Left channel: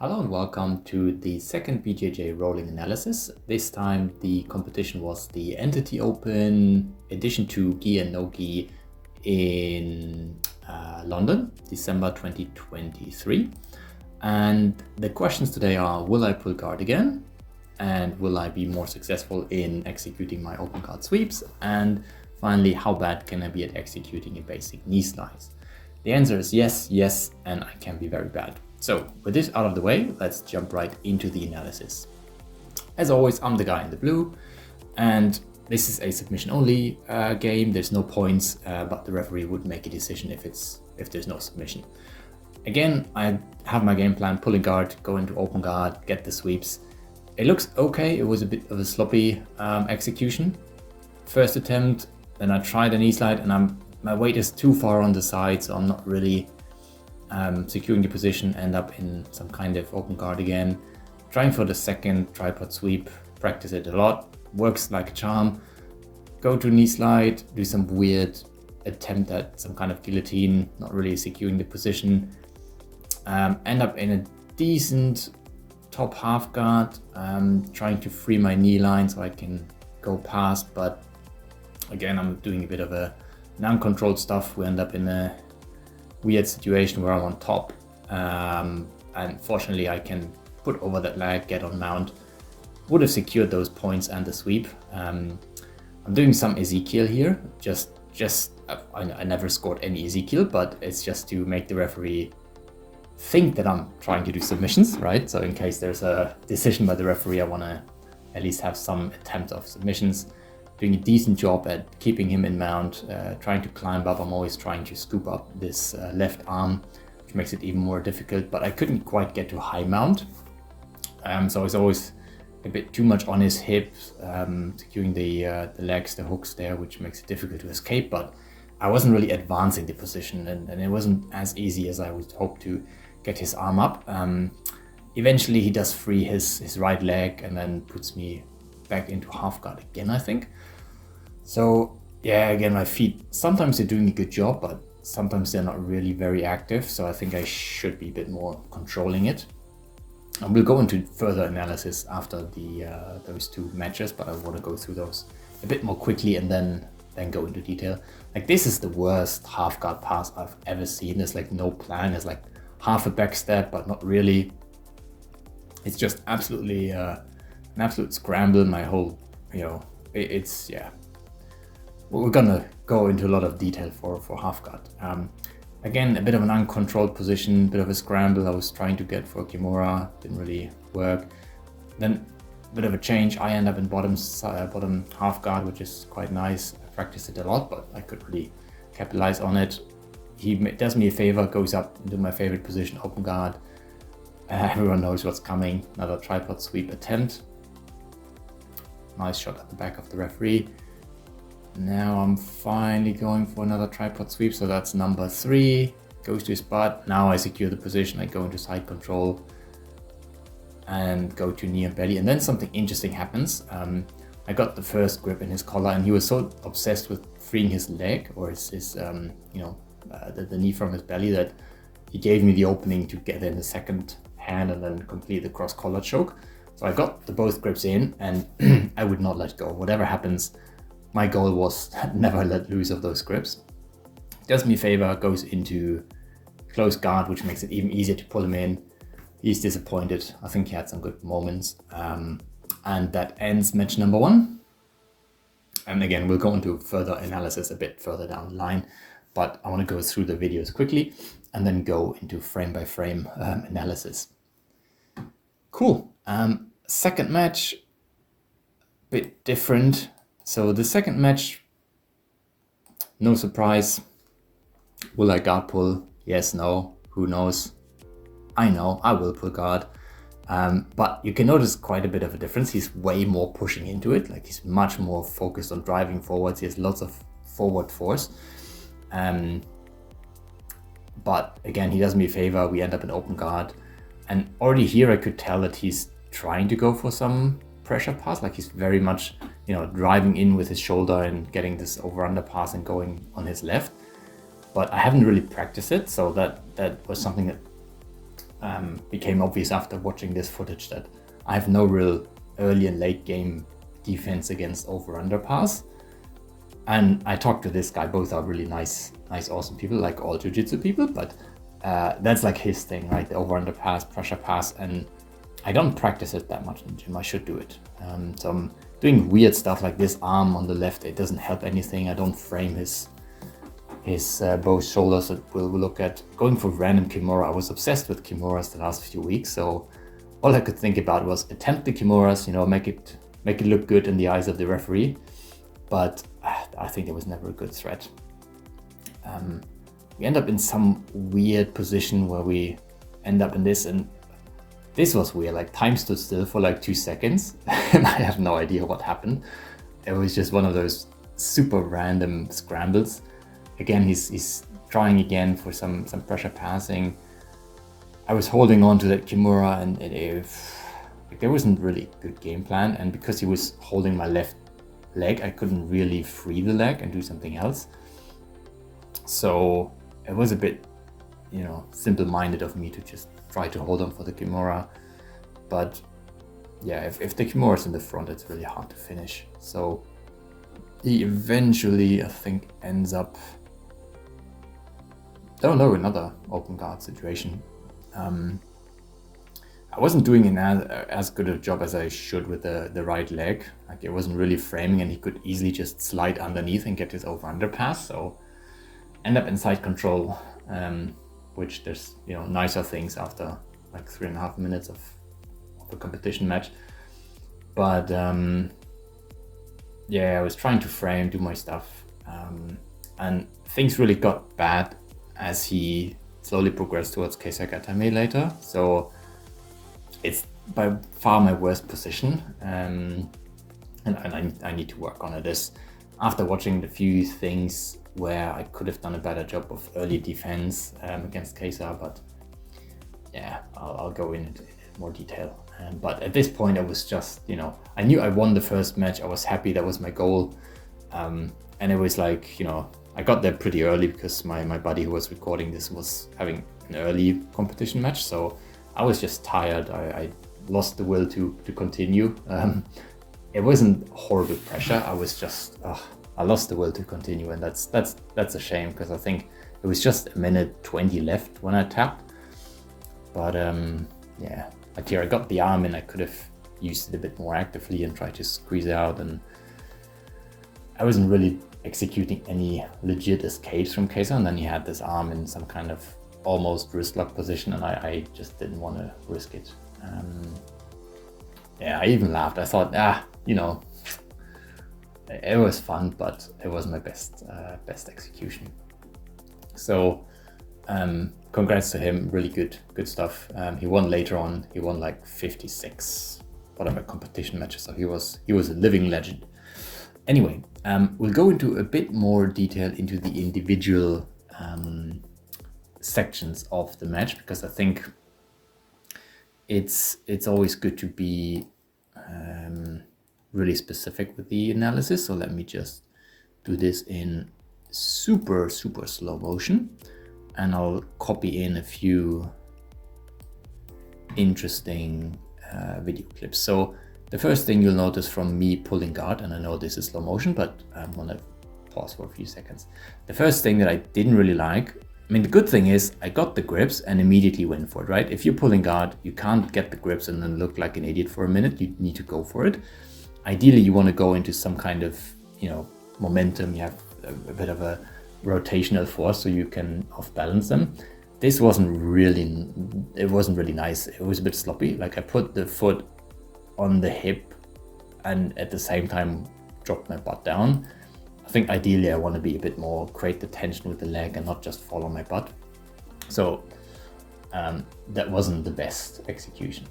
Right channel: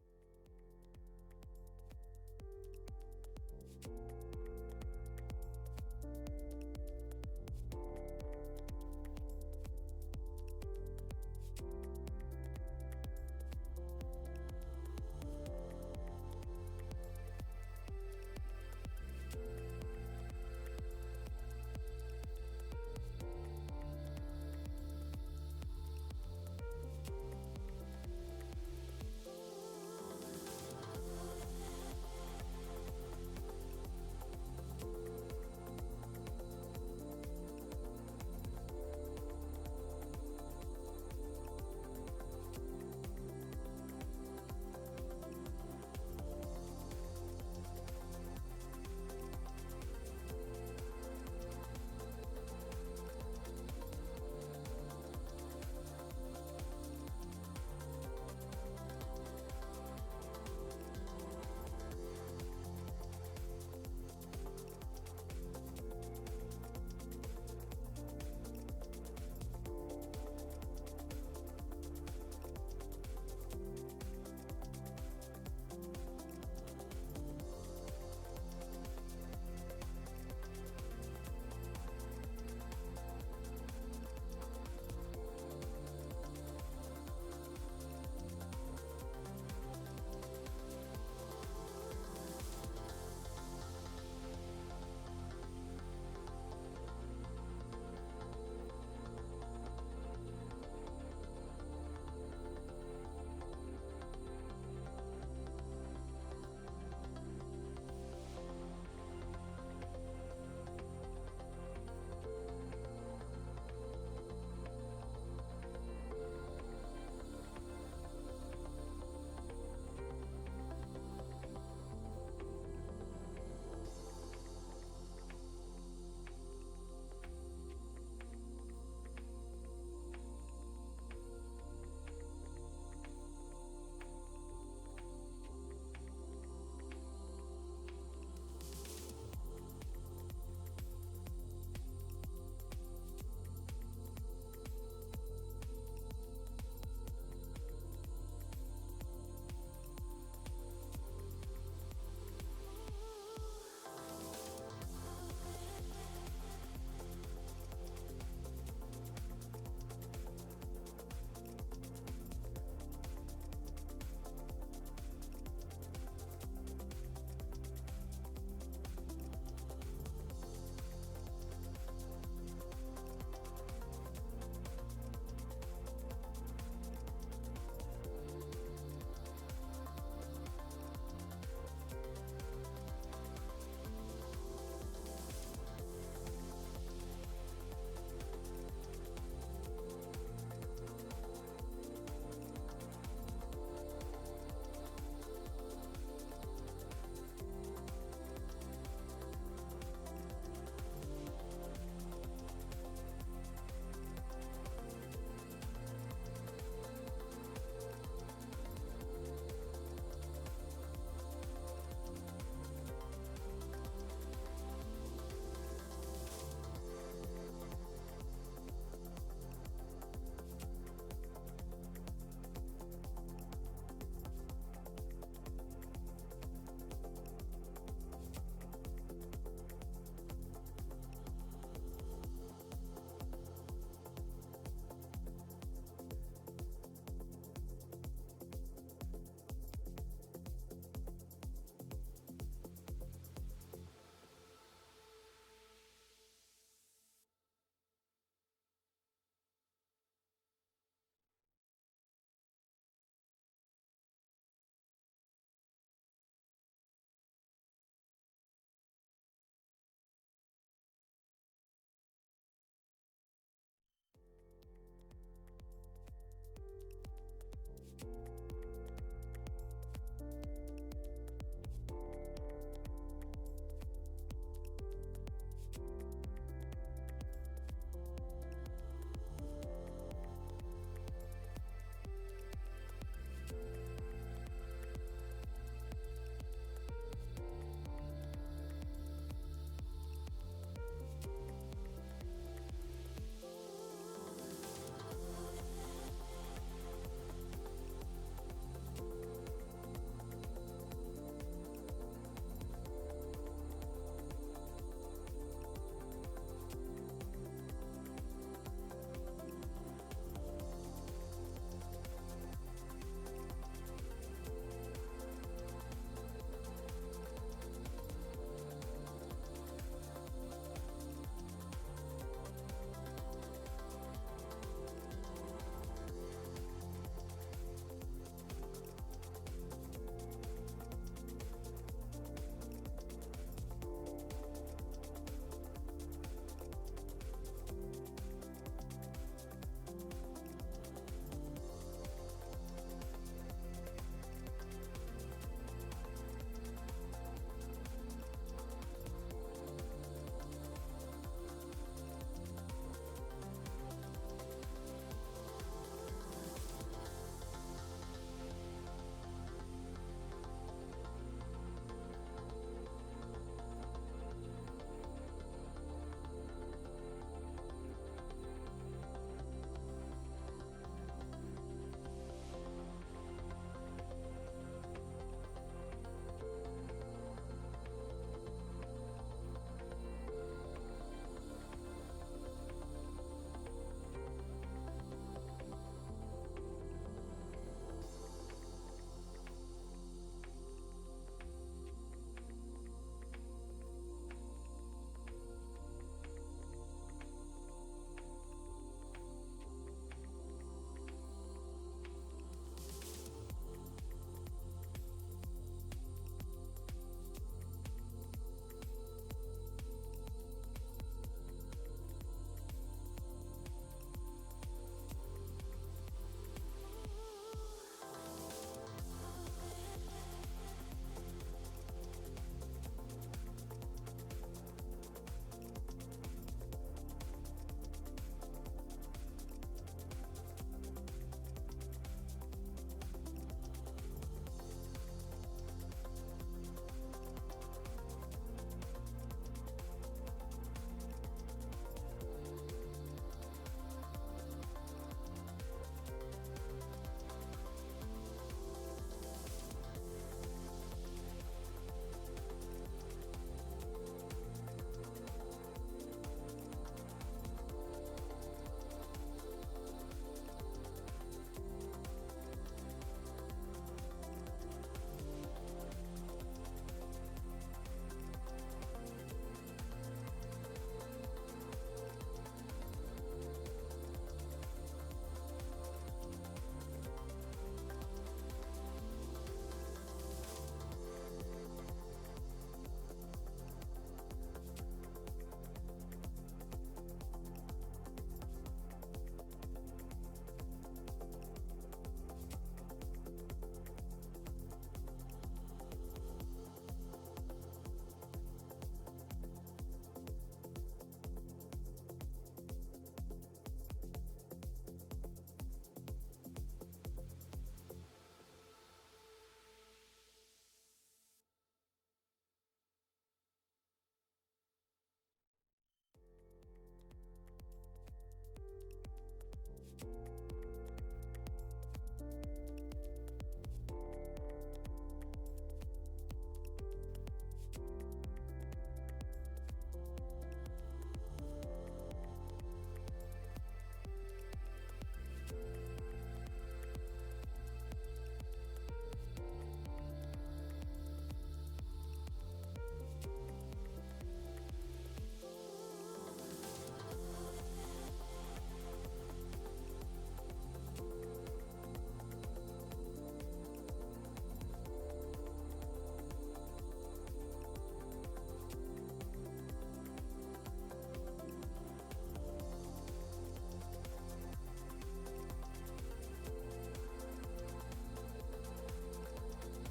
Hello and welcome to the second BJJ rolling analysis. This time the competition was the Entity Open Edition 2 Gi and No Gi in London, December 2023. And the questions today are, will I pull guard again? And will I be more successful in executing my open guard sweeps? And finally, how bad can I be at executing a basic knee slice? The answer is yes, yes, and I can be very bad. So with this out of the way, let's jump right into the analysis. As always, I'm the guy in the blue, and this is a submission only game. There's no points, but the referee would make a decision if there's no submission. Again, I have my game plan: pulling guard, go into open guard, get the sweeps. It looks okay. It was a bit of a sloppy execution. First attempt, then I tried a knee slide, and my weight is too far on the side, so I'm not really securing the position, end up in some kind of open guard again. Trying for the second tripod sweep, practice it a lot, works like a charm. Go to knee slide, do some weird attempt at some kind of guillotine, not really securing the position. End up in a decent top half guard, trying to free my knee line so I can go past, but again, I'm doing a bit of a non-controlled stuff. We end up in a weird situation where I'm on top, and fortunately I can put over that leg, get on mount. Would have secured those points and the sweep. I'm doing some Ezekiel here, I never scored any Ezekiel, but it's just to make the referee think that I'm trying to do submissions, right? So in case there's a decision by the referee, I want to at least have some attempt of submissions. Doing a decent job at keeping him in mount, trying to climb up. I'm always trying to scoop up this left arm, which makes it even more difficult, but I couldn't quite get to high mount. So it's always a bit too much on his hips, securing the legs, the hooks there, which makes it difficult to escape, but I wasn't really advancing the position, and it wasn't as easy as I would hope to get his arm up. Eventually he does free his right leg and then puts me back into half guard again, I think. So yeah, again, my feet, sometimes they're doing a good job, but sometimes they're not really very active. So I think I should be a bit more controlling it. And we'll go into further analysis after those two matches, but I want to go through those a bit more quickly and then go into detail. Like, this is the worst half guard pass I've ever seen. There's like no plan. There's like half a backstep, but not really. It's just absolutely an absolute scramble. My whole, it's, yeah. We're gonna go into a lot of detail for half guard. Again, a bit of an uncontrolled position, bit of a scramble. I was trying to get for Kimura, didn't really work. Then a bit of a change. I end up in bottom half guard, which is quite nice. I practiced it a lot, but I could really capitalize on it. He does me a favor, goes up into my favorite position, open guard. Everyone knows what's coming. Another tripod sweep attempt. Nice shot at the back of the referee. Now I'm finally going for another tripod sweep, so that's number 3. Goes to his butt. Now I secure the position. I go into side control and go to knee and belly, and then something interesting happens. I got the first grip in his collar, and he was so obsessed with freeing his leg or the knee from his belly that he gave me the opening to get in the second hand and then complete the cross collar choke. So I got the both grips in, and I would not let go. Whatever happens, my goal was never let loose of those grips. Does me a favor, goes into close guard, which makes it even easier to pull him in. He's disappointed. I think he had some good moments. And that ends match number 1. And again, we'll go into further analysis a bit further down the line, but I want to go through the videos quickly and then go into frame by frame analysis. Cool. Second match, bit different. So the second match, no surprise. Will I guard pull? Yes, no, who knows? I know, I will pull guard. But you can notice quite a bit of a difference. He's way more pushing into it. Like, he's much more focused on driving forwards. He has lots of forward force. But again, he does me a favor. We end up in open guard. And already here I could tell that he's trying to go for some pressure pass. Like, he's very much, driving in with his shoulder and getting this over-under pass and going on his left. But I haven't really practiced it, so that was something that became obvious after watching this footage that I have no real early and late game defense against over-under pass. And I talked to this guy, both are really nice, awesome people, like all jiu-jitsu people, but that's like his thing, right? The over-under pass, pressure pass, and I don't practice it that much in the gym. I should do it. So I'm doing weird stuff like this arm on the left. It doesn't help anything. I don't frame his both shoulders. We'll look at going for random Kimura. I was obsessed with Kimuras the last few weeks, so all I could think about was attempt the Kimuras, you know, make it look good in the eyes of the referee. But I think it was never a good threat. We end up in some weird position where we end up in this, and this was weird. Like, time stood still for like 2 seconds and I have no idea what happened. It was just one of those super random scrambles. Again, he's trying again for some pressure passing. I was holding on to that Kimura, and there wasn't really a good game plan, and because he was holding my left leg, I couldn't really free the leg and do something else. So it was a bit, you know, simple-minded of me to just try to hold on for the Kimura. But yeah, if the Kimura is in the front, it's really hard to finish. So he eventually, I think, ends up, another open guard situation. I wasn't doing as good a job as I should with the right leg. Like, it wasn't really framing, and he could easily just slide underneath and get his over-under pass. So end up in side control, which there's, you know, nicer things after like 3.5 minutes of a competition match. But yeah, I was trying to frame, do my stuff, and things really got bad as he slowly progressed towards Kesa Gatame later. So it's by far my worst position, and I need to work on it. After watching the few things where I could have done a better job of early defense against Kesa, but yeah, I'll go into more detail. But at this point, I was just, you know, I knew I won the first match. I was happy, that was my goal, and it was like, you know, I got there pretty early because my buddy who was recording this was having an early competition match, so I was just tired. I lost the will to continue. It wasn't horrible pressure. I was just, I lost the will to continue, and that's a shame, because I think it was just a minute 20 left when I tapped. But yeah, I got the arm in. I could have used it a bit more actively and tried to squeeze it out, and I wasn't really executing any legit escapes from Kesa, and then he had this arm in some kind of almost wrist lock position, and I just didn't want to risk it. Yeah, I even laughed. I thought, you know, it was fun, but it wasn't my best execution. So congrats to him, really good stuff. He won later on. He won like 56 whatever competition matches, so he was a living legend. Anyway, we'll go into a bit more detail into the individual sections of the match, because I think it's always good to be really specific with the analysis. So let me just do this in super slow motion, and I'll copy in a few interesting video clips. So the first thing you'll notice from me pulling guard, and I know this is slow motion, but I'm gonna pause for a few seconds. The first thing that I didn't really like, I mean, the good thing is I got the grips and immediately went for it, right? If you're pulling guard, you can't get the grips and then look like an idiot for a minute. You need to go for it. Ideally, you want to go into some kind of, you know, momentum. You have a bit of a rotational force so you can off balance them. This wasn't really nice. It was a bit sloppy. Like, I put the foot on the hip and at the same time dropped my butt down. I think ideally I want to be a bit more, create the tension with the leg and not just fall on my butt. So that wasn't the best execution.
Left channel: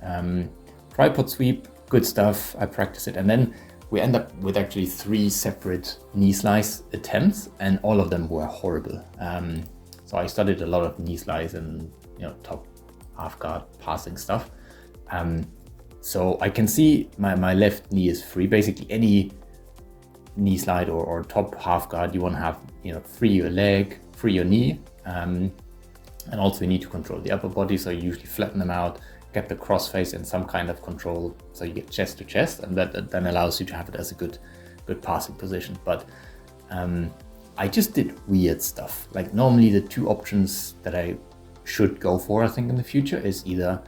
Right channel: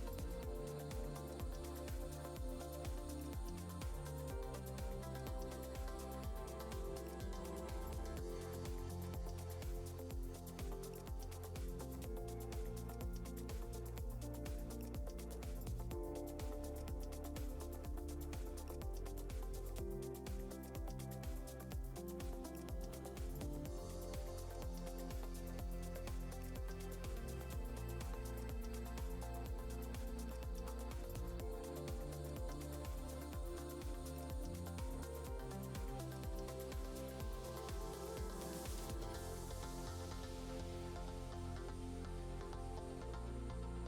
Tripod sweep, good stuff. I practice it, and then we end up with actually 3 separate knee slice attempts, and all of them were horrible. So I studied a lot of knee slice and, you know, top half guard passing stuff. So I can see my left knee is free. Basically any knee slide or top half guard, you want to have, you know, free your leg, free your knee. And also you need to control the upper body, so you usually flatten them out, get the crossface in some kind of control, so you get chest to chest, and that then allows you to have it as a good passing position. But I just did weird stuff. Like normally the two options that I should go for, I think in the future, is either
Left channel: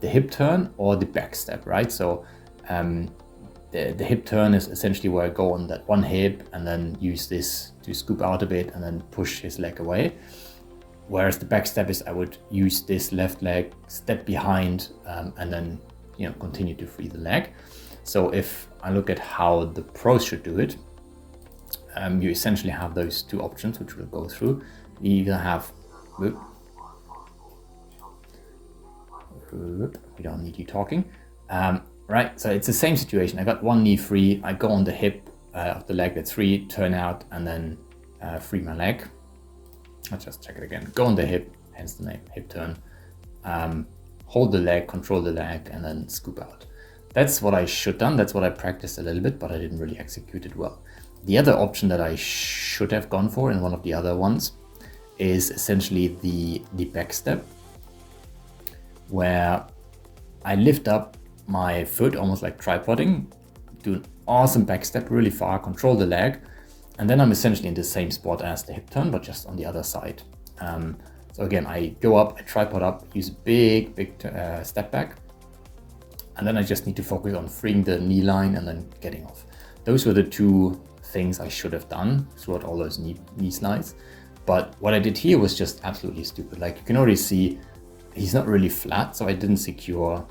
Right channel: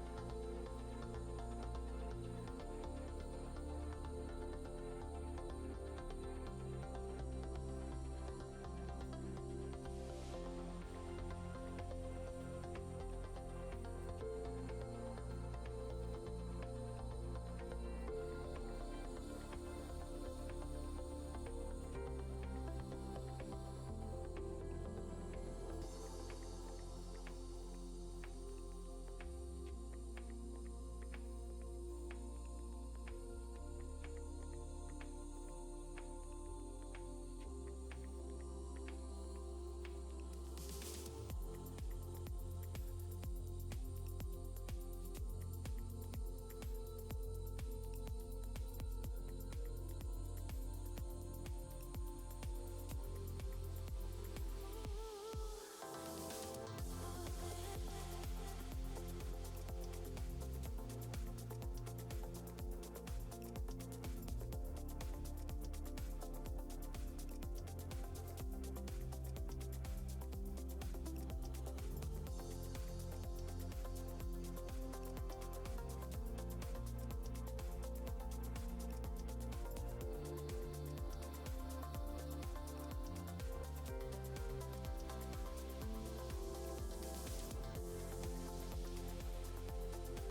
the hip turn or the backstep, right? So the hip turn is essentially where I go on that one hip and then use this to scoop out a bit and then push his leg away. Whereas the backstep is I would use this left leg, step behind, and then continue to free the leg. So if I look at how the pros should do it, you essentially have those two options, which we'll go through. You either have, we don't need you talking. Right, so it's the same situation. I got one knee free, I go on the hip of the leg that's free, turn out, and then free my leg. Let's just check it again. Go on the hip, hence the name, hip turn. Hold the leg, control the leg, and then scoop out. That's what I should have done. That's what I practiced a little bit, but I didn't really execute it well. The other option that I should have gone for in one of the other ones is essentially the back step, where I lift up my foot almost like tripoding, do an awesome back step really far, control the leg, and then I'm essentially in the same spot as the hip turn, but just on the other side. So again, I go up, I tripod up, use a big step back, and then I just need to focus on freeing the knee line and then getting off. Those were the two things I should have done throughout all those knee slides. But what I did here was just absolutely stupid. Like you can already see, he's not really flat, so I didn't secure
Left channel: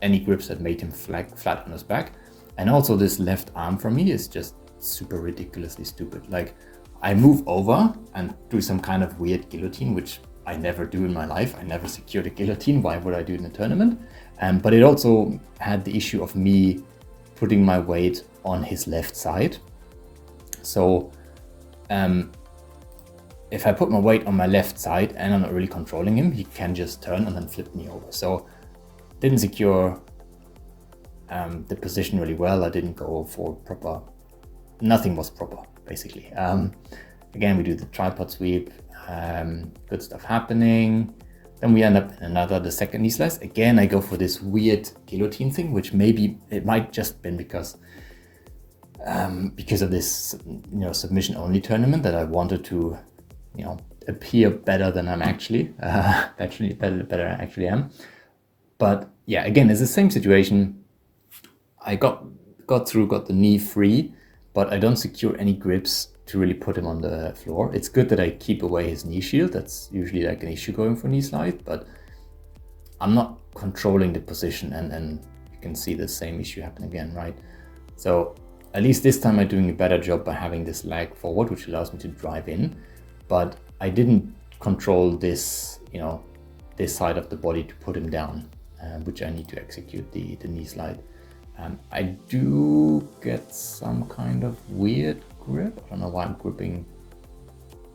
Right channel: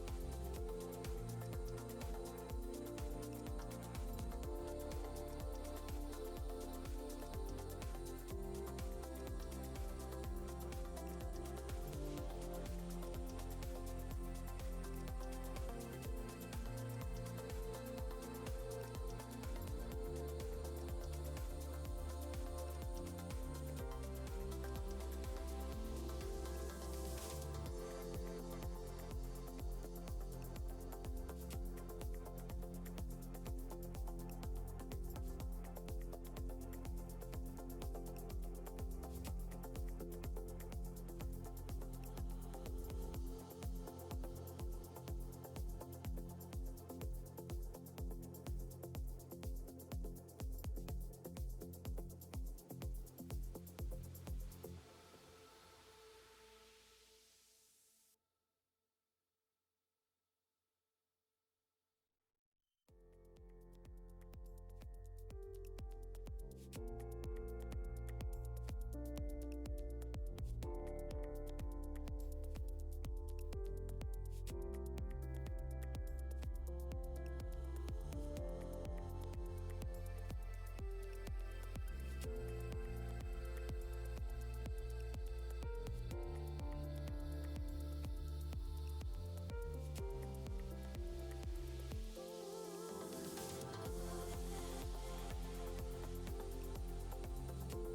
any grips that made him flat on his back. And also this left arm for me is just super ridiculously stupid. Like I move over and do some kind of weird guillotine, which I never do in my life. I never secured a guillotine. Why would I do it in a tournament? But it also had the issue of me putting my weight on his left side. So if I put my weight on my left side and I'm not really controlling him, he can just turn and then flip me over. So didn't secure the position really well. I didn't go for proper, nothing was proper basically. Again, we do the tripod sweep, good stuff happening. Then we end up in the second knee slice. Again, I go for this weird guillotine thing, which maybe it might just been because of this, submission only tournament that I wanted to, appear better than I'm actually, better than I actually am. But yeah, again, it's the same situation. I got the knee free, but I don't secure any grips to really put him on the floor. It's good that I keep away his knee shield. That's usually like an issue going for knee slide, but I'm not controlling the position, and you can see the same issue happen again, right? So at least this time I'm doing a better job by having this leg forward, which allows me to drive in, but I didn't control this, this side of the body to put him down, which I need to execute the knee slide. I do get some kind of weird grip. I don't know why I'm gripping.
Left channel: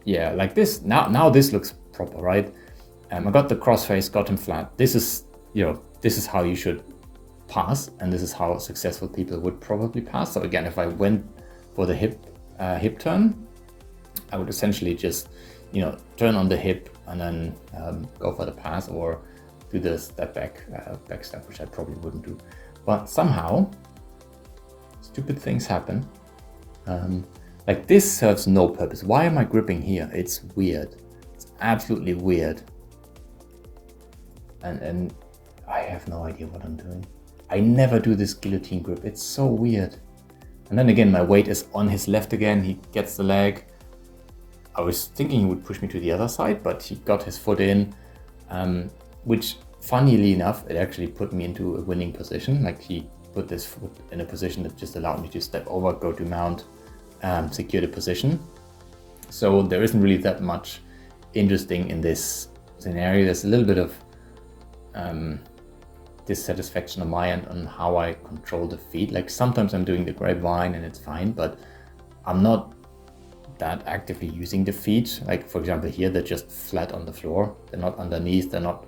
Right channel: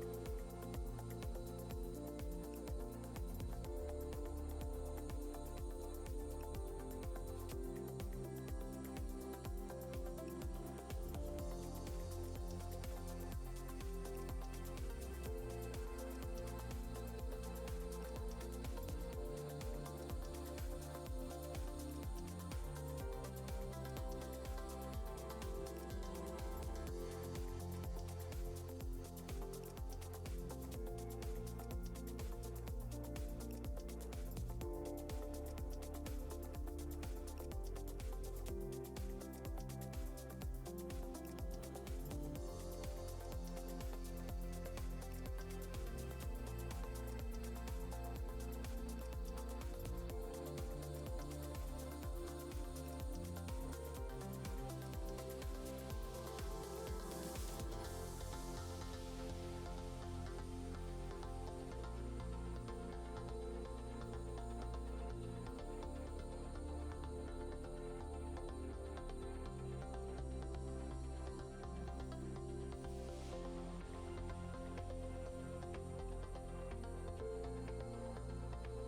Yeah, like this. Now this looks proper, right? I got the crossface, got him flat. This is, this is how you should pass, and this is how successful people would probably pass. So again, if I went for the hip turn, I would essentially just, turn on the hip and then go for the pass, or do the step back step, which I probably wouldn't do. But somehow, stupid things happen. Like this serves no purpose. Why am I gripping here? It's weird. It's absolutely weird. And I have no idea what I'm doing. I never do this guillotine grip. It's so weird. And then again, my weight is on his left again. He gets the leg. I was thinking he would push me to the other side, but he got his foot in, which funnily enough, it actually put me into a winning position. Like he put this foot in a position that just allowed me to step over, go to mount, secure the position. So there isn't really that much interesting in this scenario. There's a little bit of dissatisfaction on my end on how I control the feet. Like sometimes I'm doing the grapevine and it's fine, but I'm not that actively using the feet. Like for example here, they're just flat on the floor. They're not underneath, they're not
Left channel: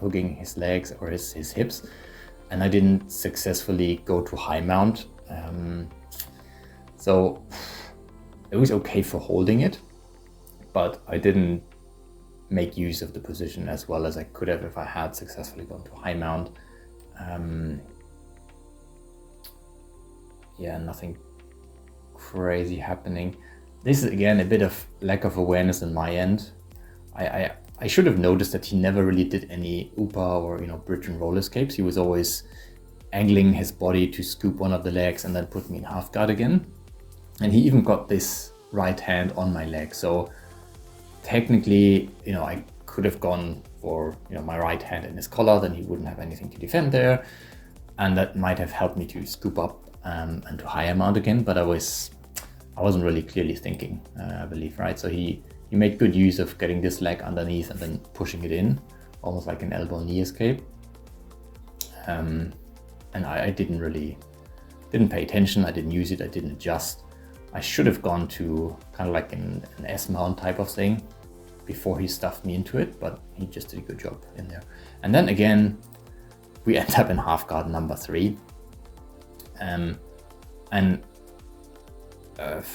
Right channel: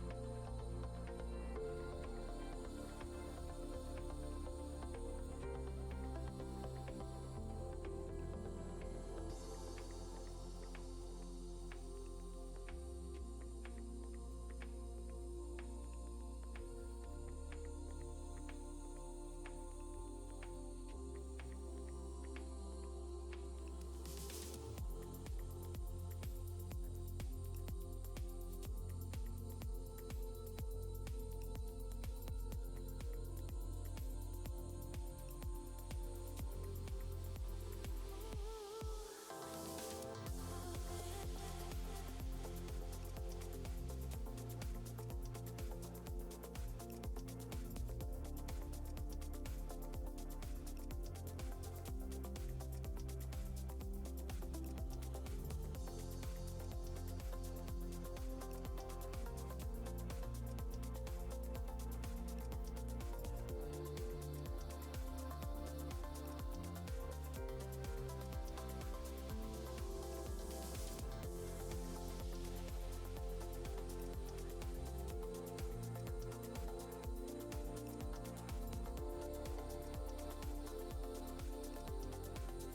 hooking his legs or his hips. And I didn't successfully go to high mount. So it was okay for holding it, but I didn't make use of the position as well as I could have if I had successfully gone to high mount. Yeah, nothing crazy happening. This is again a bit of lack of awareness on my end. I should have noticed that he never really did any upa or, you know, bridge and roll escapes. He was always angling his body to scoop one of the legs and then put me in half guard again. And he even got this right hand on my leg. So technically, you know, I could have gone for, you know, my right hand in his collar, then he wouldn't have anything to defend there. And that might have helped me to scoop up and to higher mount again, but I wasn't really clearly thinking, I believe, right? So he made good use of getting this leg underneath and then pushing it in, almost like an elbow knee escape. And I didn't pay attention, I didn't use it, I didn't adjust. I should have gone to kind of like an S mount type of thing before he stuffed me into it, but he just did a good job in there. And then again, we end up in half guard number 3.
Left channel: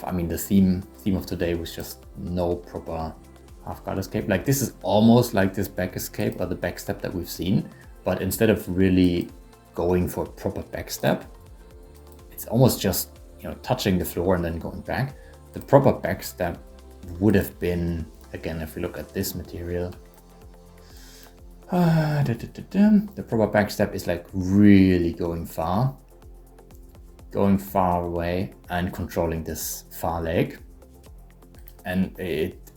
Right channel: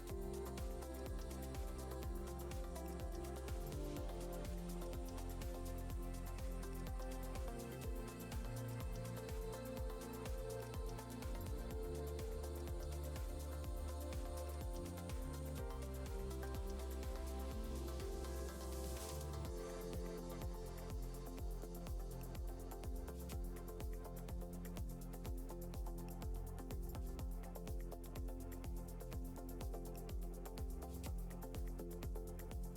I mean, the theme of today was just no proper half guard escape. Like, this is almost like this back escape or the backstep that we've seen, but instead of really going for proper backstep, it's almost just, you know, touching the floor and then going back. The proper backstep would have been, again, if we look at this material, the proper backstep is like really going far away and controlling this far leg. And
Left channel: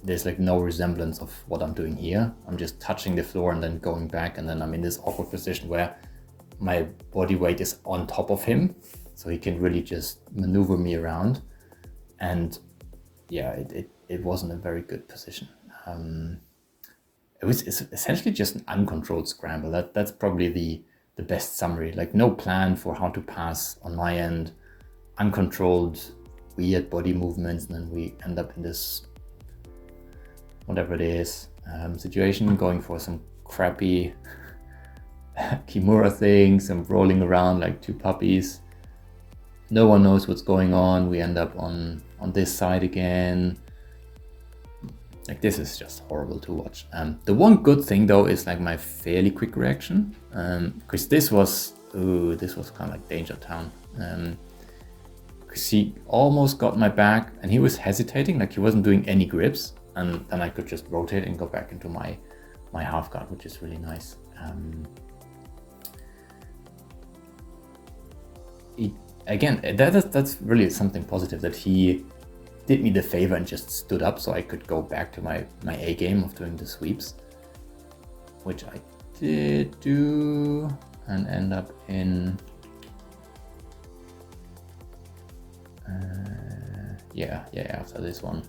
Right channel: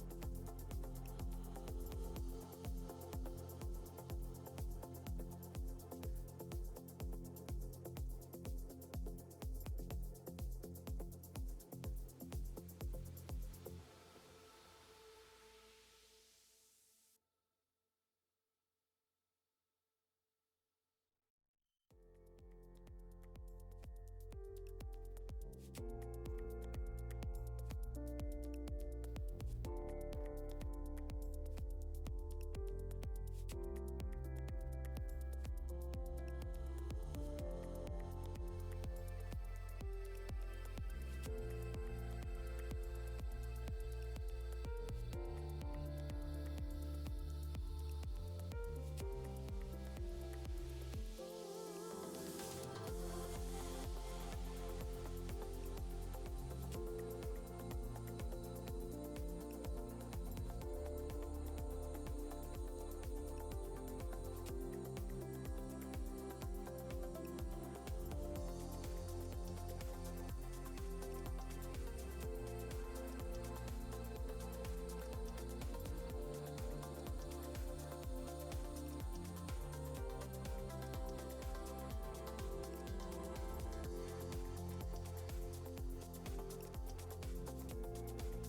there's like no resemblance of what I'm doing here. I'm just touching the floor and then going back, and then I'm in this awkward position where my body weight is on top of him, so he can really just maneuver me around. And yeah, it wasn't a very good position. It's essentially just an uncontrolled scramble. That's probably the best summary. Like, no plan for how to pass on my end, uncontrolled weird body movements, and then we end up in this, whatever it is, situation, going for some crappy Kimura thing, some rolling around like two puppies. No one knows what's going on. We end up on this side again. Like, this is just horrible to watch. The one good thing though is like my fairly quick reaction, because this was kind of like danger town. Because he almost got my back and he was hesitating, like he wasn't doing any grips, and then I could just rotate and go back into my half guard, which is really nice. Again, that's really something positive, that he did me the favor and just stood up so I could go back to my A game of doing the sweeps, which I did do, and end up in after this one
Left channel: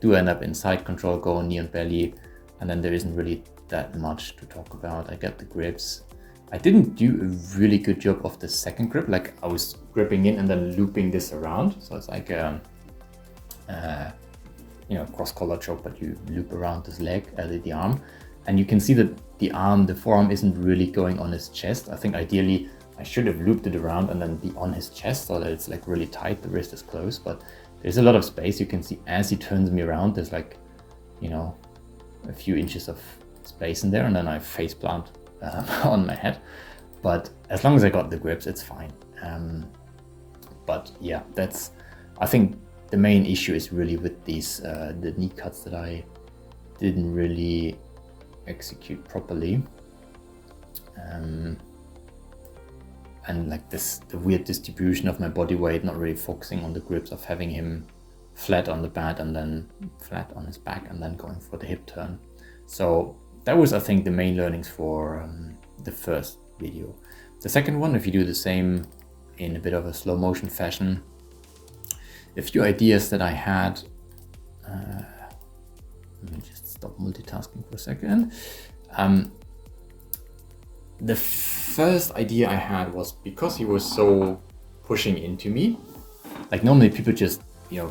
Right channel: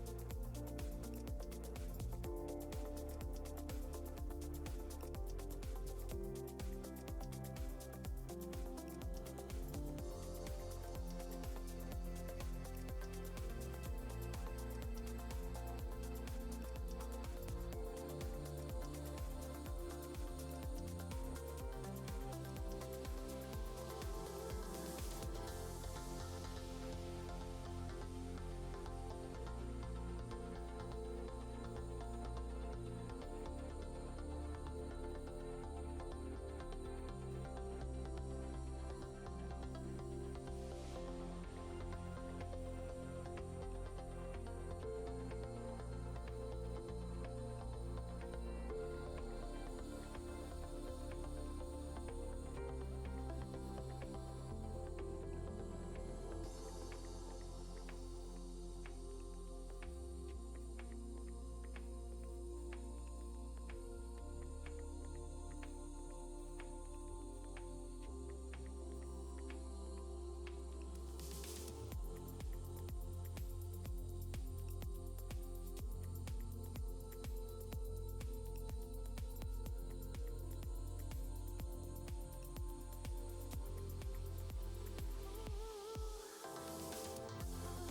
do end up in side control, go knee and belly, and then there isn't really that much to talk about. I got the grips. I didn't do a really good job of the second grip. Like, I was gripping in and then looping this around, so it's like cross collar choke, but you loop around this leg, the arm, and you can see that the forearm isn't really going on his chest. I think ideally I should have looped it around and then be on his chest so that it's like really tight, the wrist is close, but there's a lot of space. You can see as he turns me around, there's like, a few inches of space in there, and then I face plant on my head. But as long as I got the grips, it's fine. But yeah, I think the main issue is really with these the knee cuts that I didn't really execute properly, and like the weird distribution of my body weight, not really focusing on the grips, of having him flat on the bat and then flat on his back and then going for the hip turn. So that was, I think, the main learnings for the first video. The second one, if you do the same in a bit of a slow motion fashion, a few ideas that I had. Let me just stop multitasking for a second. The first idea I had was, because he was so pushing into me, like normally people just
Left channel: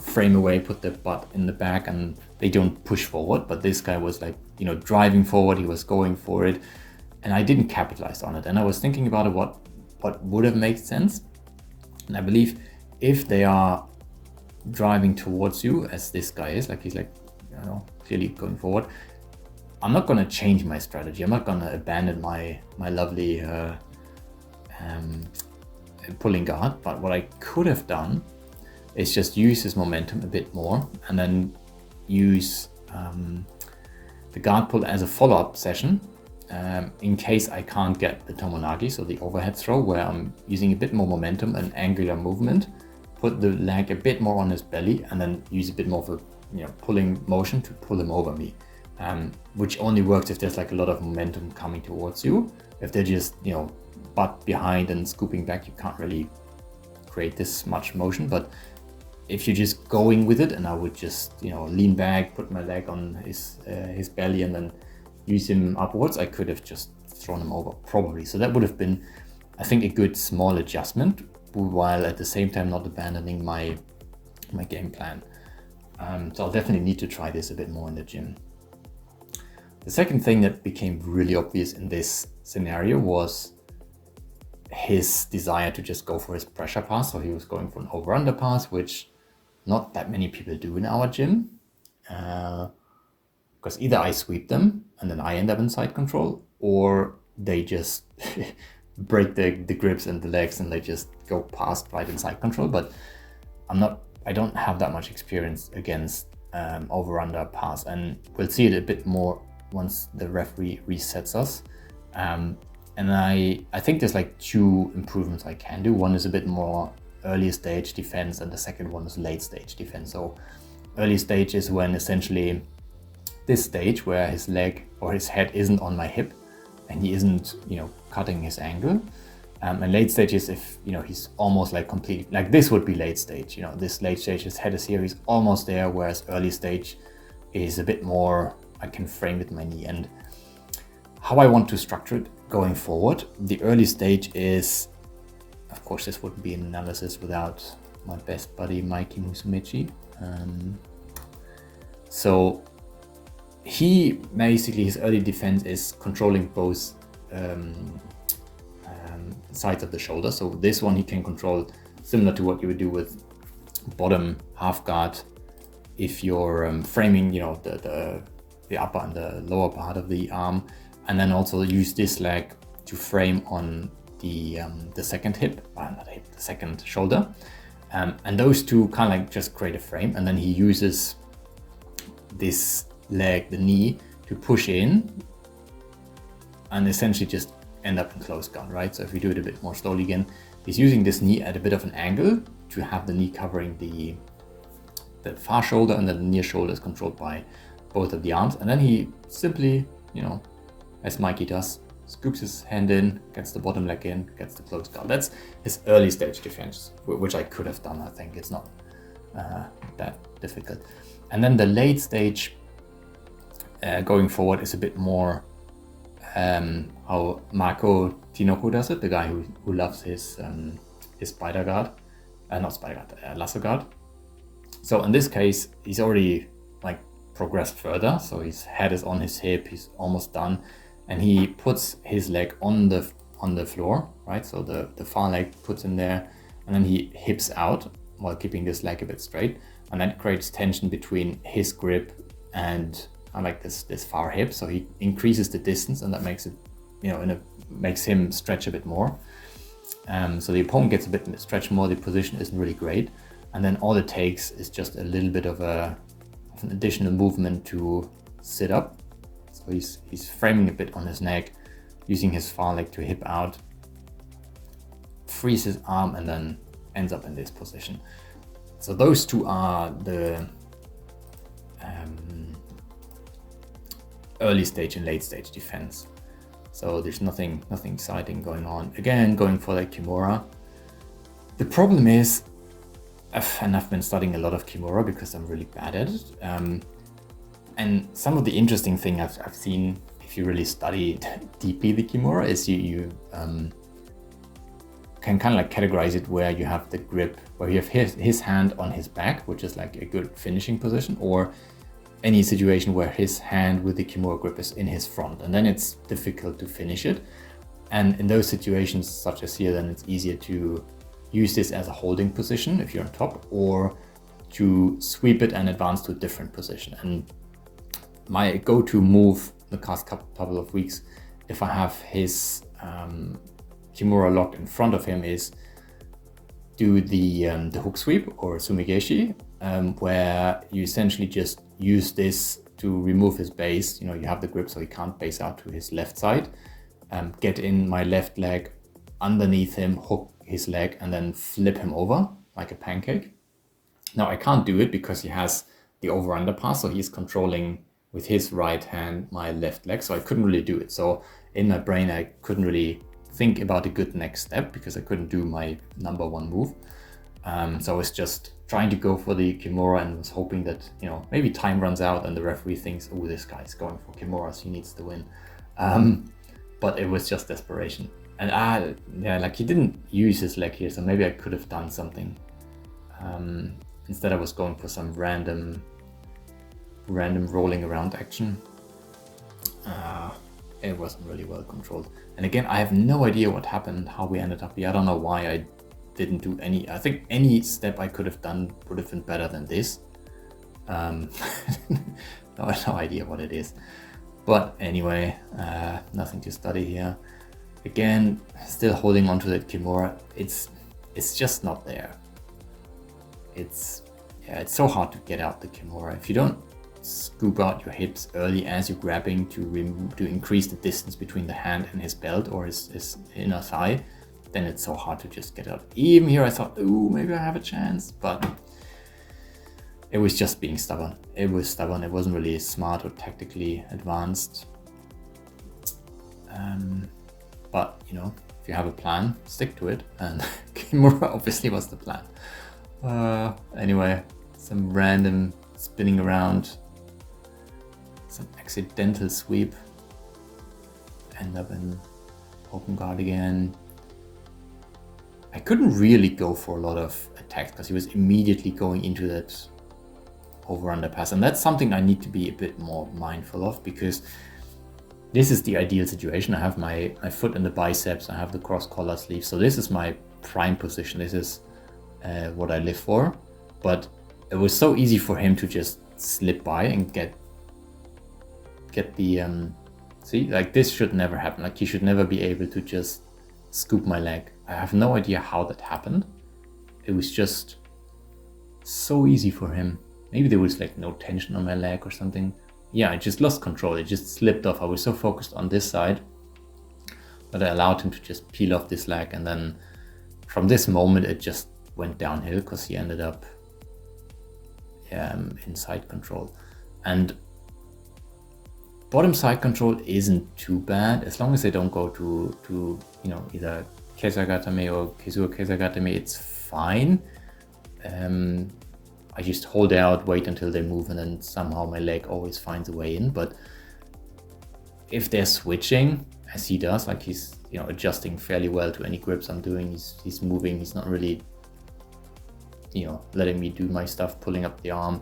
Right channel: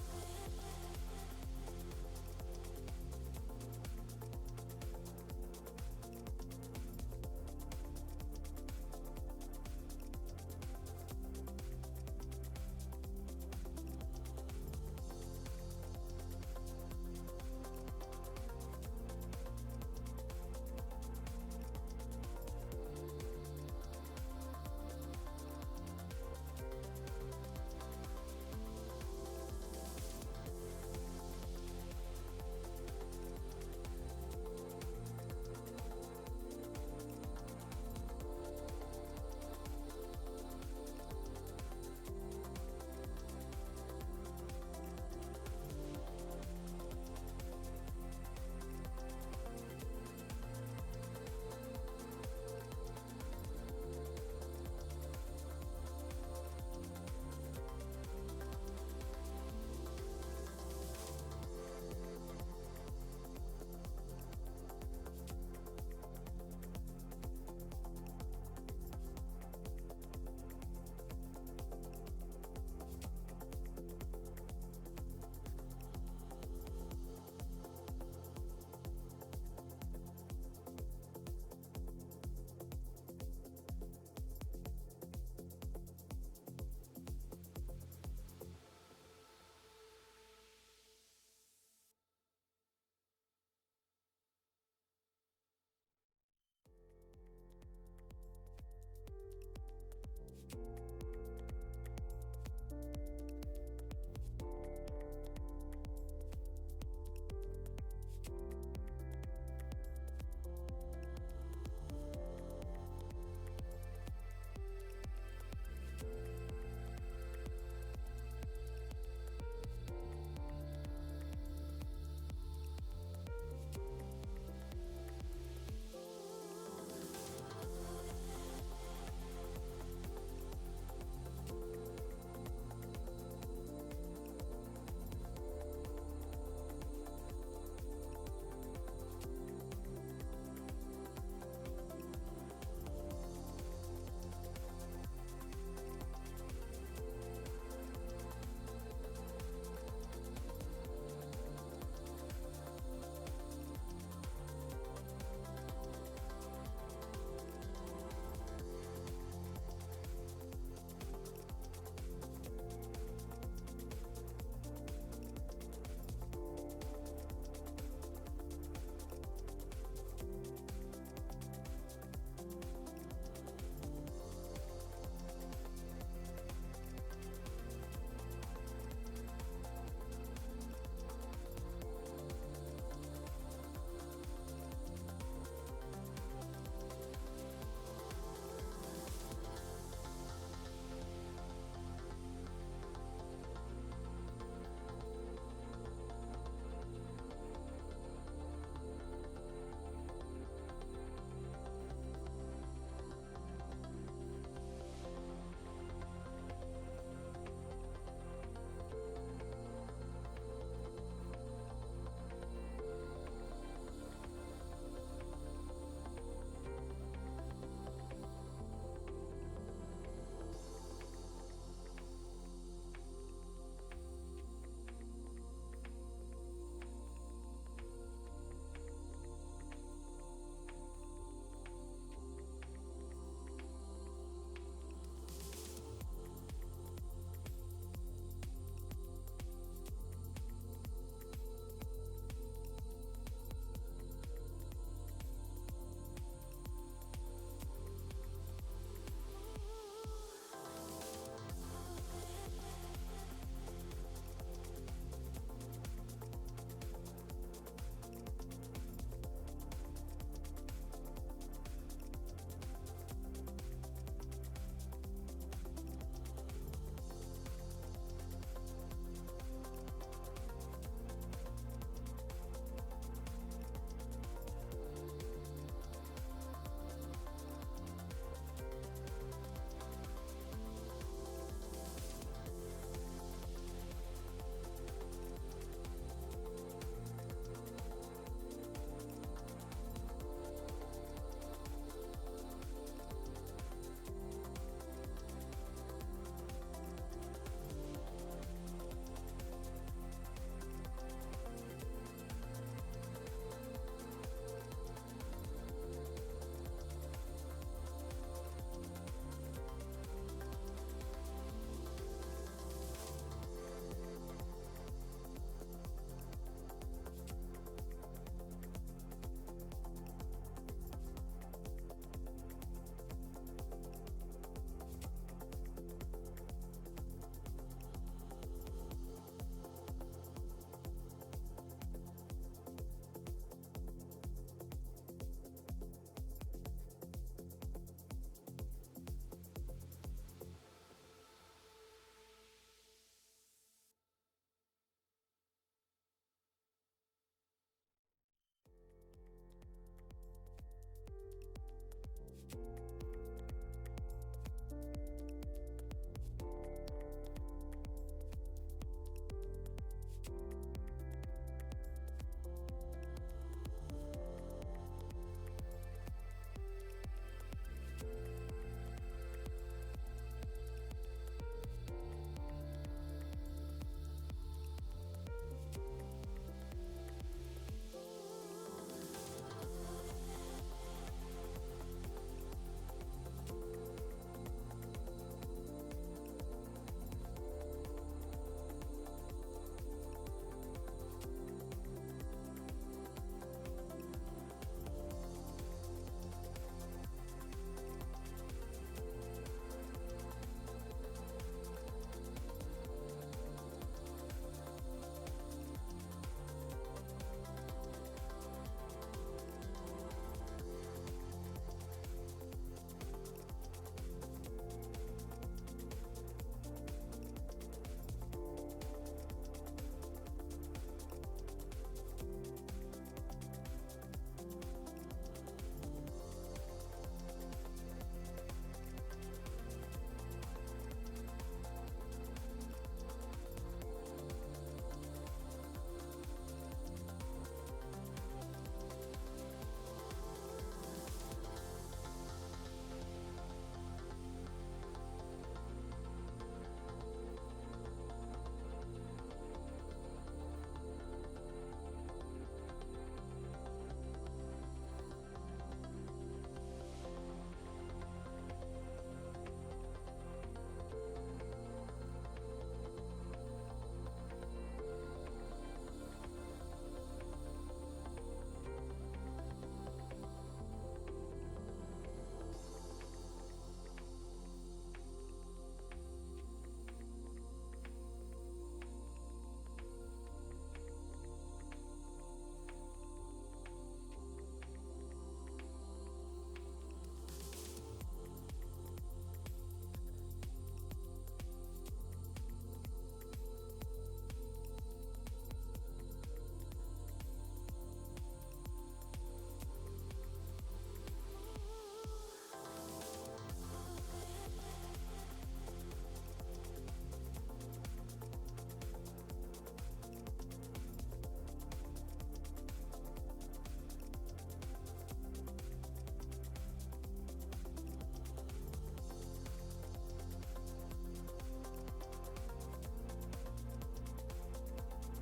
frame away, put their butt in the back, and they don't push forward, but this guy was like driving forward, he was going for it, and I didn't capitalize on it. And I was thinking about it, what would have made sense. And I believe if they are driving towards you, as this guy is, like he's like clearly going forward, I'm not gonna change my strategy. I'm not gonna abandon my lovely pulling guard, but what I could have done is just use his momentum a bit more and then use the guard pull as a follow-up session in case I can't get the Tomonagi, so the overhead throw, where I'm using a bit more momentum and angular movement, put the leg a bit more on his belly, and then use a bit more of a pulling motion to pull him over me, which only works if there's like a lot of momentum coming towards you. If they're just butt behind and scooping back, you can't really create this much motion. But if you're just going with it, and I would just lean back, put my leg on his belly, and then use him upwards, I could have just thrown him over probably. So that would have been, I think, a good small adjustment, while at the same time not abandoning my game plan. So I'll definitely need to try this a bit more in the gym. The second thing that became really obvious in this scenario was his desire to just go for his pressure pass. So he was going for an over-under pass, which not that many people do in our gym. Because either I sweep them and then I end up in side control, or they just break the grips and the legs and they just go past right in side control. But I don't have that much experience against over-under pass, and we'll see it a bit more once the referee resets us. And I think there's like two improvements I can do. One is a bit more early stage defense, and the second one is late stage defense. So early stage is when essentially this stage where his leg or his head isn't on my hip and he isn't cutting his angle, and late stage is if he's almost like completely, like this would be late stage. This late stage, his head is here, he's almost there, whereas early stage is a bit more, I can frame with my knee. And how I want to structure it going forward, the early stage is, of course this wouldn't be an analysis without my best buddy Mikey Musumeci. So he basically, his early defense is controlling both sides of the shoulder. So this one he can control similar to what you would do with bottom half guard if you're framing the upper and the lower part of the arm, and then also use this leg to frame on the second hip, not hip, the second shoulder, and those two kind of like just create a frame, and then he uses this leg, the knee, to push in and essentially just end up in close guard, right? So if we do it a bit more slowly again, he's using this knee at a bit of an angle to have the knee covering the far shoulder, and then the near shoulder is controlled by both of the arms. And then he simply, as Mikey does, scoops his hand in, gets the bottom leg in, gets the close guard. That's his early stage defense, which I could have done. I think it's not that difficult. And then the late stage going forward is a bit more how Marco Tinoco does it, the guy who loves his spider guard, not spider guard, lasso guard. So in this case, he's already like progressed further. So his head is on his hip, he's almost done, and he puts his leg on the floor, right? So the far leg puts in there, and then he hips out while keeping this leg a bit straight, and that creates tension between his grip and I like this far hip. So he increases the distance, and that makes it, makes him stretch a bit more. So the opponent gets a bit stretched more. The position isn't really great, and then all it takes is just a little bit of an additional movement to sit up. So he's framing a bit on his neck, using his far leg to hip out, frees his arm, and then ends up in this position. So those two are the early stage and late stage defense. So there's nothing exciting going on. Again, going for that Kimura. The problem is, and I've been studying a lot of Kimura because I'm really bad at it. And some of the interesting thing I've seen, if you really study deeply the Kimura, is you can kind of like categorize it where you have the grip, where you have his hand on his back, which is like a good finishing position, or any situation where his hand with the Kimura grip is in his front, and then it's difficult to finish it. And in those situations, such as here, then it's easier to use this as a holding position if you're on top, or to sweep it and advance to a different position. And my go-to move the past couple of weeks, if I have his Kimura locked in front of him, is do the hook sweep or sumigeshi, where you essentially just use this to remove his base. You know, you have the grip so he can't base out to his left side. Get in my left leg underneath him, hook his leg, and then flip him over like a pancake. Now I can't do it because he has the over-under pass, so he's controlling with his right hand my left leg, so I couldn't really do it. So in my brain I couldn't really think about a good next step because I couldn't do my number one move. So I was just trying to go for the Kimura and was hoping that, you know, maybe time runs out and the referee thinks, oh, this guy's going for Kimuras, he needs to win. But it was just desperation. And yeah, like he didn't use his leg here, so maybe I could have done something. Instead I was going for some random rolling around action. It wasn't really well controlled. And again, I have no idea what happened, how we ended up here. I don't know why I didn't do any. I think any step I could have done would have been better than this. No idea what it is. But anyway, nothing to study here. Again, still holding on to that Kimura. It's just not there. It's so hard to get out the Kimura. If you don't scoop out your hips early as you're grabbing to increase the distance between the hand and his belt or his inner thigh, then it's so hard to just get out. Even here I thought, ooh, maybe I have a chance, but it was just being stubborn. It was stubborn. It wasn't really smart or tactically advanced. But you know, if you have a plan, stick to it, and Kimura obviously was the plan. Anyway, some random spinning around, some accidental sweep, end up in open guard again. I couldn't really go for a lot of attacks because he was immediately going into that over-under pass, and that's something I need to be a bit more mindful of, because this is the ideal situation. I have my foot in the biceps, I have the cross collar sleeve, so this is my prime position. This is what I live for, but it was so easy for him to just slip by and get the see, like this should never happen. Like he should never be able to just scoop my leg. I have no idea how that happened. It was just so easy for him. Maybe there was like no tension on my leg or something. Yeah, I just lost control. It just slipped off. I was so focused on this side that I allowed him to just peel off this leg, and then from this moment it just went downhill because he ended up in side control. And bottom side control isn't too bad as long as they don't go to you know, either Kesa Gatame or Kesa Gatame. It's fine. I just hold out, wait until they move, and then somehow my leg always finds a way in. But if they're switching, as he does, like he's, you know, adjusting fairly well to any grips I'm doing, he's moving, he's not really, you know, letting me do my stuff, pulling up the arm.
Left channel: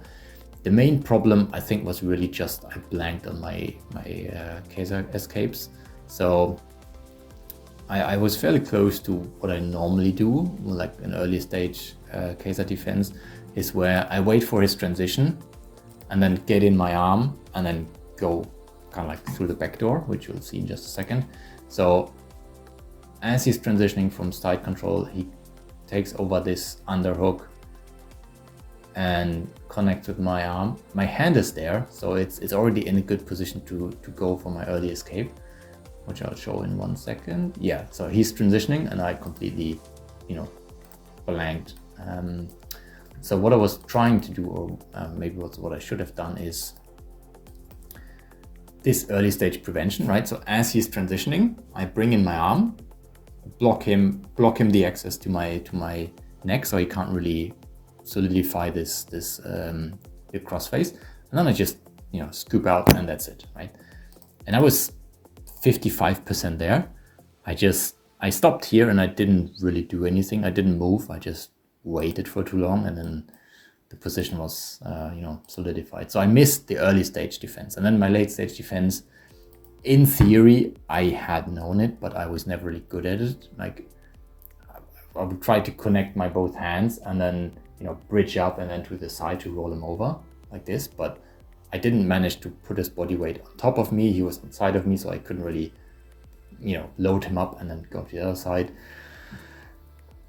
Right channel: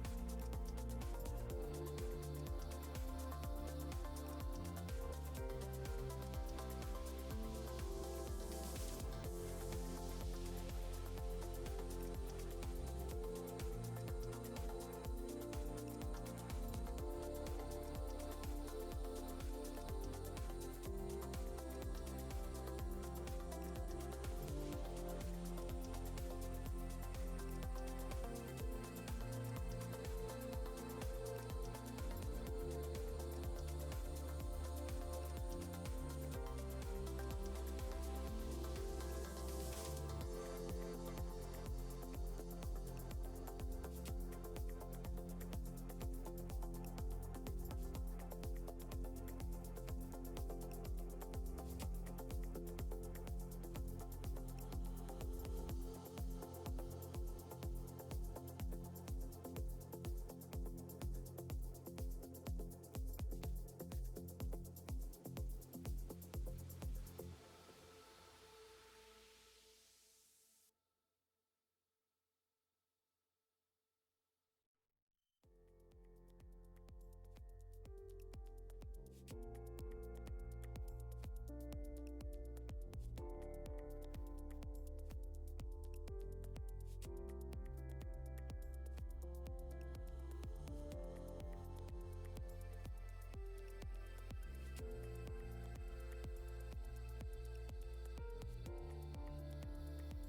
The main problem I think was really just I blanked on my Kesa escapes. So I was fairly close to what I normally do, like an early stage Kesa defense, is where I wait for his transition and then get in my arm and then go kind of like through the back door, which you'll see in just a second. So as he's transitioning from side control, he takes over this underhook and connects with my arm. My hand is there, so it's already in a good position to go for my early escape, which I'll show in 1 second. Yeah, so he's transitioning and I completely, you know, blanked. So what I was trying to do, or maybe what I should have done, is this early stage prevention, right? So as he's transitioning, I bring in my arm, block him the access to my neck, so he can't really solidify this the crossface, and then I just, you know, scoop out, and that's it, right? And I was 55% there. I stopped here and I didn't really do anything. I didn't move. I just waited for too long, and then the position was you know, solidified. So I missed the early stage defense, and then my late stage defense, in theory I had known it, but I was never really good at it. Like I would try to connect my both hands and then, you know, bridge up and then to the side to roll him over like this, but I didn't manage to put his body weight on top of me. He was on side of me, so I couldn't really, you know, load him up and then go to the other side.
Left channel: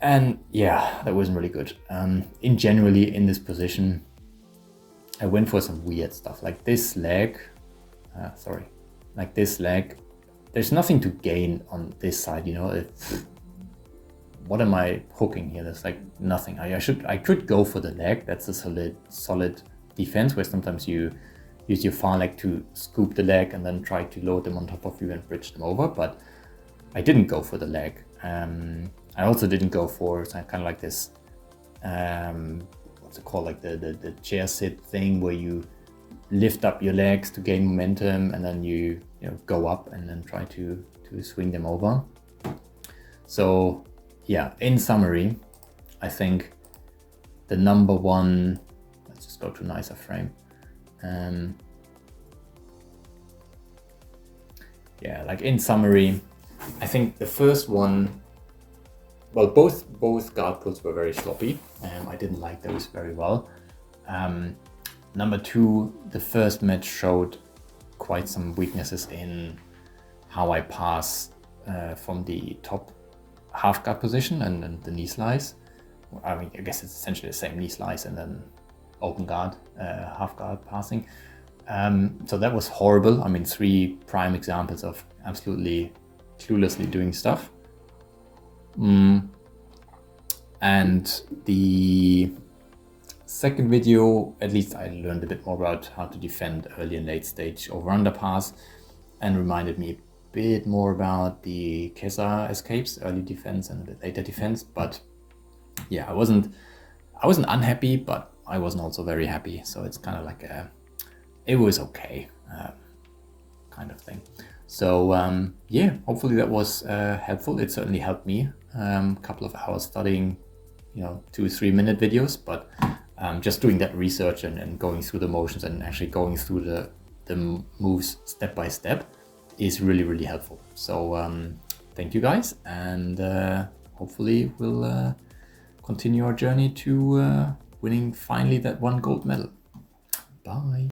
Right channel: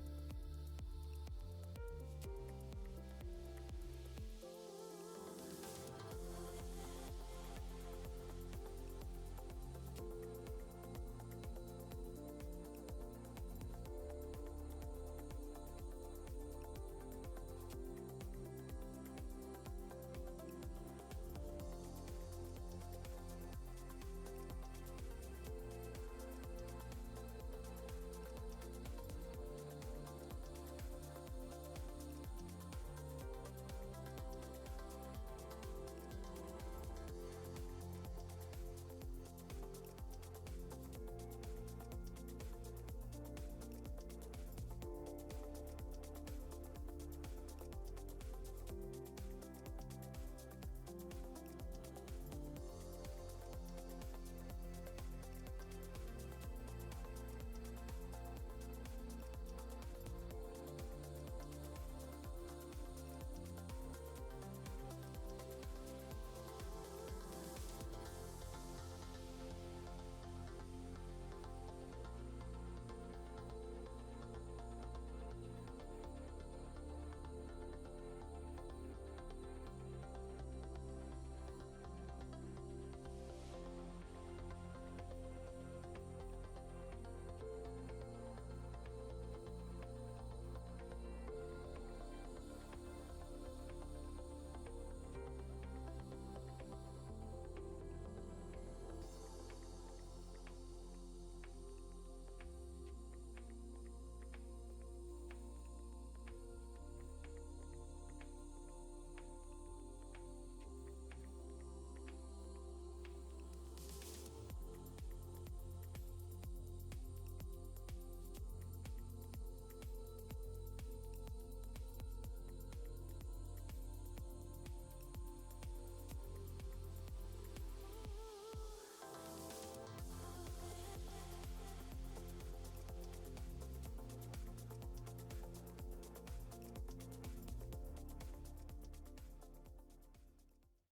And yeah, that wasn't really good. Generally in this position, I went for some weird stuff like this leg. Like this leg. There's nothing to gain on this side, you know. What am I hooking here? There's like nothing. I could go for the leg. That's a solid defense, where sometimes you use your far leg to scoop the leg and then try to load them on top of you and bridge them over. But I didn't go for the leg. I also didn't go for kind of like this, what's it called, like the chair sit thing, where you lift up your legs to gain momentum and then you know, go up and then try to swing them over. So yeah, in summary, I think the number one, let's just go to a nicer frame. Yeah, like in summary, I think the first one, well, both guard pulls were very sloppy. I didn't like those very well. Number two, the first match showed quite some weaknesses in how I pass from the top half guard position and the knee slice. I mean, I guess it's essentially the same knee slice and then open guard, half guard passing. So that was horrible. I mean, 3 prime examples of absolutely cluelessly doing stuff. And the second video, at least I learned a bit more about how to defend early and late stage over-under pass, and reminded me a bit more about the Kesa escapes, early defense and later defense. But yeah, I wasn't unhappy, but I wasn't also very happy. So it's kind of like it was okay kind of thing. So yeah, hopefully that was helpful. It certainly helped me. Couple of hours studying, you know, 2-3 minute videos, but just doing that research and going through the motions and actually going through the moves step by step is really, really helpful. So thank you guys, and hopefully we'll continue our journey to winning finally that 1 gold medal. Bye.